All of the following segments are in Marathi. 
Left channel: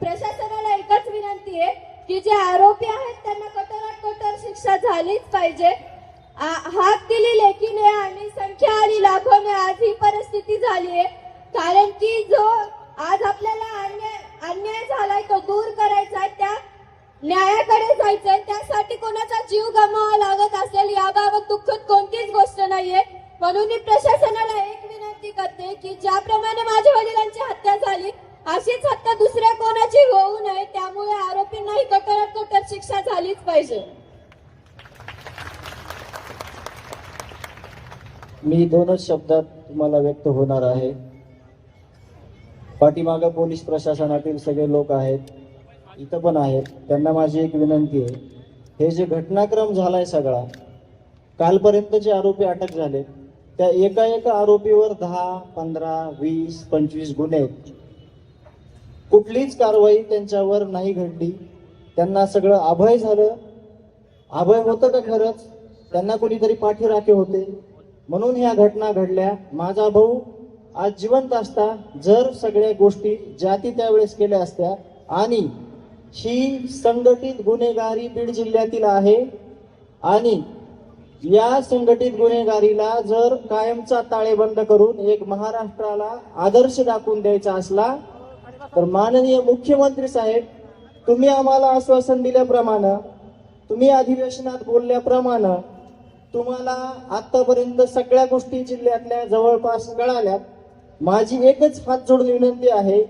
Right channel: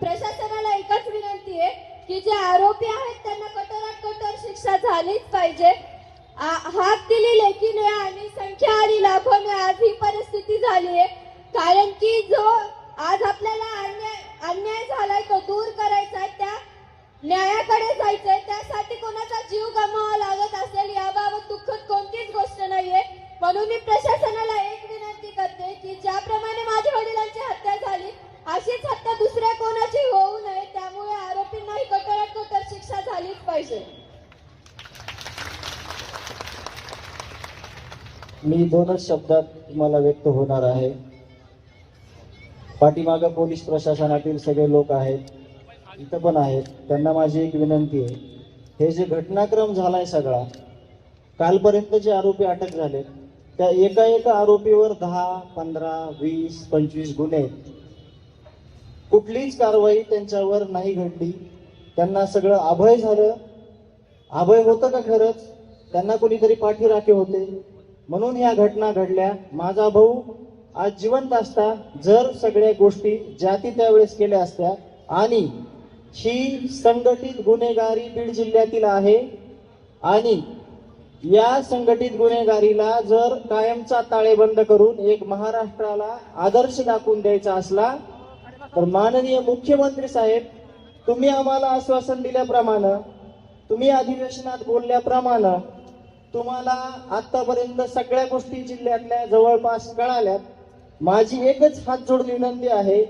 प्रशासनाला एकच विनंती आहे की जे आरोपी आहेत त्यांना कठोरात कठोर शिक्षा झालीच पाहिजे. हात दिली लेखीने आणि संख्या आणि लाखोने आज ही परिस्थिती झाली आहे. कारण की जो आज आपल्याला अन्याय अन्याय झालाय तो दूर करायचा आहे त्या न्यायाकडे जायचंय त्यासाठी कोणाचा जीव गमावा लागत असेल याबाबत दुःखद कोणतीच गोष्ट नाहीये. म्हणून मी प्रशासनाला एक विनंती करते की ज्याप्रमाणे माझ्या वडिलांची हत्या झाली अशीच हत्या दुसरी पाहिजे. मी दोनच शब्दात तुम्हाला व्यक्त होणार आहे. पाठीमागे पोलीस प्रशासनातील सगळे लोक आहेत इथं पण आहेत त्यांना माझी एक विनंती आहे. हे जे घटनाक्रम झालाय सगळा कालपर्यंत जे आरोपी अटक झाले त्या एका एका आरोपीवर दहा पंधरा वीस पंचवीस गुन्हे आहेत. कुठलीच कारवाई त्यांच्यावर नाही घडली. त्यांना सगळं अभय झालं. अभय होतं का खरंच? त्यांना कोणीतरी पाठीराखे होते. म्हणून ह्या घटना घडल्या. माझा भाऊ आज जिवंत असता जर सगळ्या गोष्टी जाती त्यावेळेस केल्या असत्या. आणि ही संघटित गुन्हेगारी बीड जिल्ह्यातील आहे. आणि या संघटित गुन्हेगारीला जर कायमचा ताळेबंद करून एक महाराष्ट्राला आदर्श दाखवून द्यायचा असला तर माननीय मुख्यमंत्री साहेब तुम्ही आम्हाला आश्वासन दिल्याप्रमाणे तुम्ही अधिवेशनात बोलल्याप्रमाणे तुम्हाला आतापर्यंत सगळ्या गोष्टी जिल्ह्यातल्या जवळपास कळाल्यात. माझी एकच हात जोडून विनंती आहे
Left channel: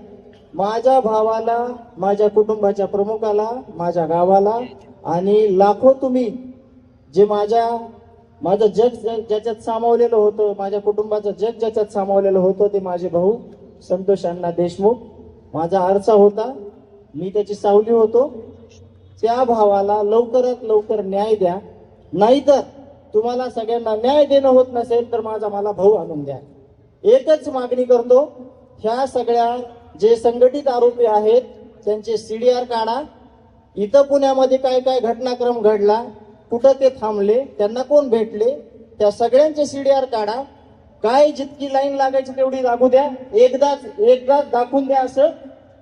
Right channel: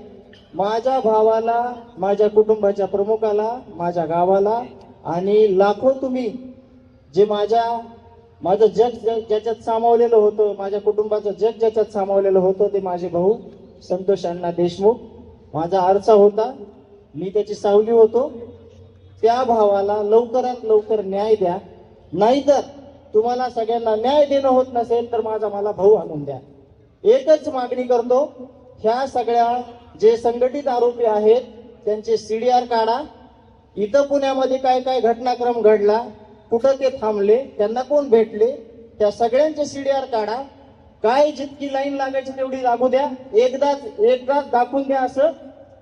माझ्या भावाला माझ्या कुटुंबाच्या प्रमुखाला माझ्या गावाला आणि लाखो तुम्ही जे माझ्या माझं जग ज- ज्याच्यात सामावलेलं होतं माझ्या कुटुंबाचं जग ज्याच्यात सामावलेलं होतं ते माझे भाऊ संतोष अण्णा देशमुख. माझा आरसा होता. मी त्याची सावली होतो. त्या भावाला लवकरात लवकर न्याय द्या. नाहीतर तुम्हाला सगळ्यांना न्याय देणं होत नसेल तर माझा मला भाऊ आणून द्या. एकच मागणी करतो ह्या सगळ्या जे संघटित आरोपी आहेत त्यांचे सीडीआर काढा. इथं पुण्यामध्ये काय काय घटनाक्रम घडला कुठं ते थांबले त्यांना कोण भेटले त्या सगळ्यांचे सीडीआर काढा. काय जितकी लाईन लागायची तेवढी लागू द्या. एकदाच एकदाच दाखवून द्या असं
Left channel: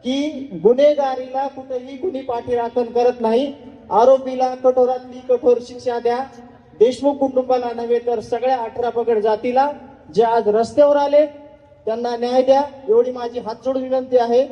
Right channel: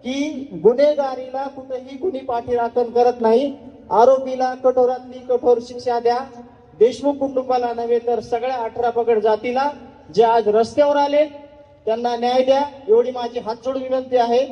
की गुन्हेगारीला कुठेही गुन्हे पाठीराखण करत नाही. आरोपीला कठोरातली कठोर शिक्षा द्या. देशमुख कुटुंबाला नव्हे तर सगळ्या अठरा पकड जातीला जे आज रस्त्यावर आले त्यांना न्याय द्या. एवढी माझी हात विनंती आहे.